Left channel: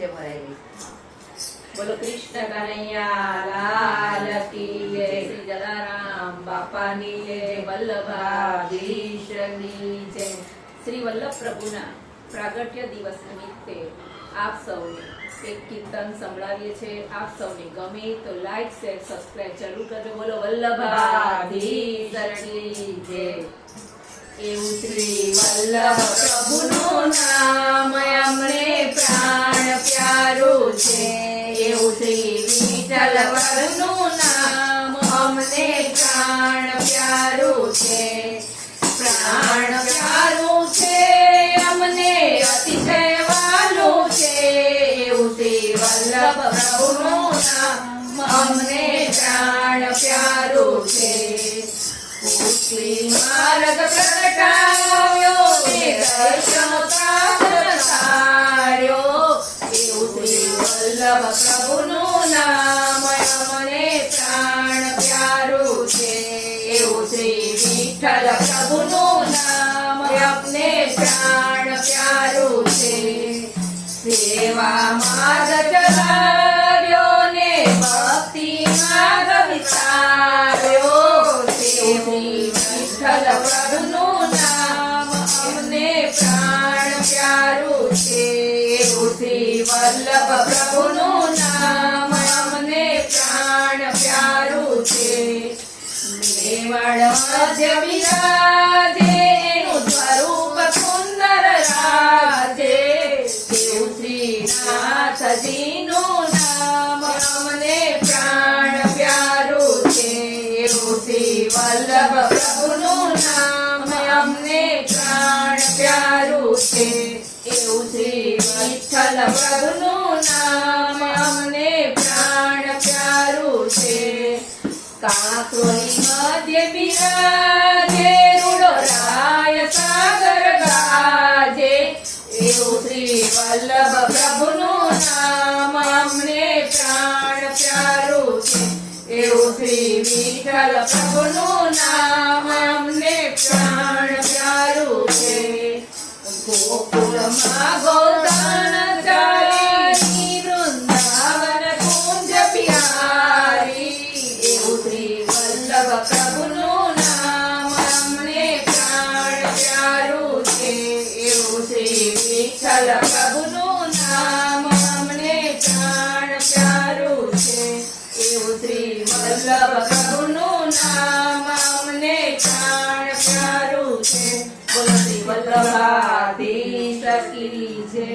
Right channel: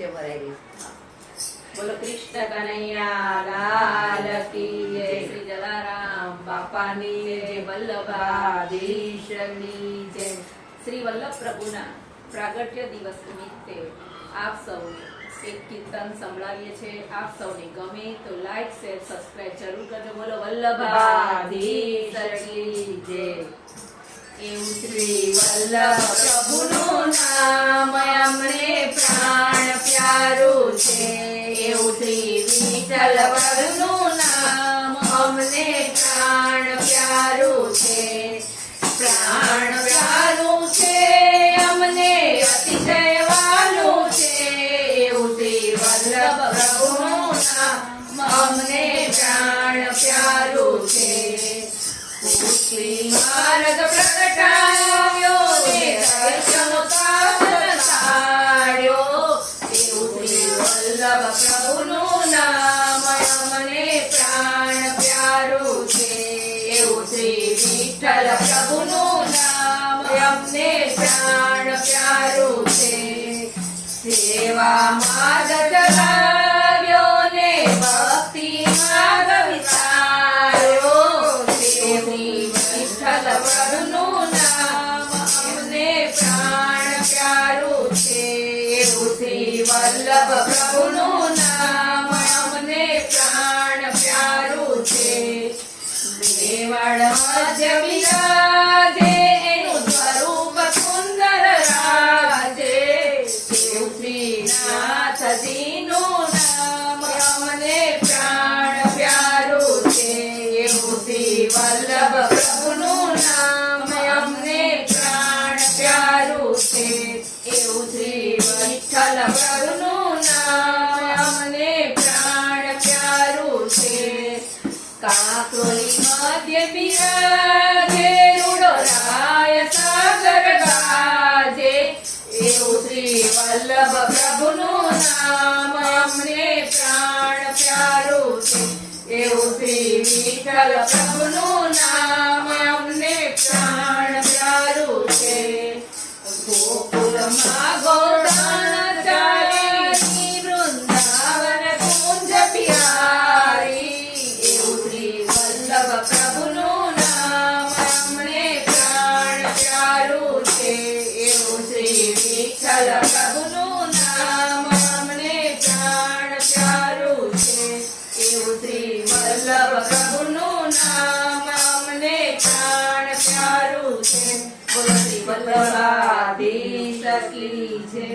નીચે ભરાઈ બોલો કૃષ્ણ કનૈયા લાલ કી જય, શ્રી જલારામ બાપાની જય, વલ્લભાધીશની જય. શ્રી વલ્લભ પ્રભુના પ્રાગટ્ય દિવસ નિમિત્તે આપ સૌને એક કીર્તન સંભળાવીએ છીએ. આપ સૌને ગમે તો લાઈક શેર સબસ્ક્રાઇબ જરૂર કરજો. બોલો વલ્લભાધીશની જય. એવું શ્રી વલ્લભ પ્રભુનું નામ અમને પ્રાણ પ્યારું છે. એવું શ્રી વિઠ્ઠલ પ્રભુનું નામ અમને પ્રાણ પ્યારું છે. પ્રાણ પ્યારું છે અમને અતિશય વાલું છે. એવું શ્રી વલ્લભ પ્રભુનું નામ અમને પ્રાણ પ્યારું છે. પુષ્ટિ માર્ગ પ્રગટાવ્યો ને દર્શન પાત્ર તાર્યો. એવું શ્રી વલ્લભ પ્રભુનું નામ અમને પ્રાણ પ્યારું છે. એવું શ્રી વિઠ્ઠલ પ્રભુનું નામ અમને પ્રાણ પ્યારું છે. સેવા માર્ગ ચલાવ્યો ને ભક્તિ માર્ગ વિચાર્યો. વિઠ્ઠલ પ્રભુનું નામ અમને પ્રાણ પ્યારું છે. એવું શ્રી વલ્લભ પ્રભુનું નામ અમને પ્રાણ પ્યારું છે. મેવાડ મધ્ય વિરાજે એનું સ્વરૂપ સુંદર રાજે. એવું શ્રી નાથજીનું નામ અમને પ્રાણ પ્યારું છે. એવું શ્રી વલ્લભ પ્રભુનું નામ અમને પ્રાણ પ્યારું છે. એવું શ્રી વિઠ્ઠલ પ્રભુનું નામ અમને પ્રાણ પ્યારું છે. કાંકરોલી મધ્ય બિરાજે રૂડો રાય સાગર ગાજે. એવું શ્રી વલ્લભ પ્રભુનું નામ અમને પ્રાણ પ્યારું છે. એવું શ્રી વિઠ્ઠલ પ્રભુનું નામ અમને પ્રાણ પ્યારું છે. ગોકુળમાં ગોદાન ચારી વૃંદાવન કુંજ બિહારી. એવું શ્રી વલ્લભ પ્રભુનું નામ અમને પ્રાણ પ્યારું છે. એવું શ્રી વિઠ્ઠલ પ્રભુનું નામ અમને પ્રાણ પ્યારું છે. એવું શ્રી વલ્લભ પ્રભુનું નામ અમને પ્રાણ પ્યારું છે. બોલો શ્રી વલ્લભાધીશ કી જય.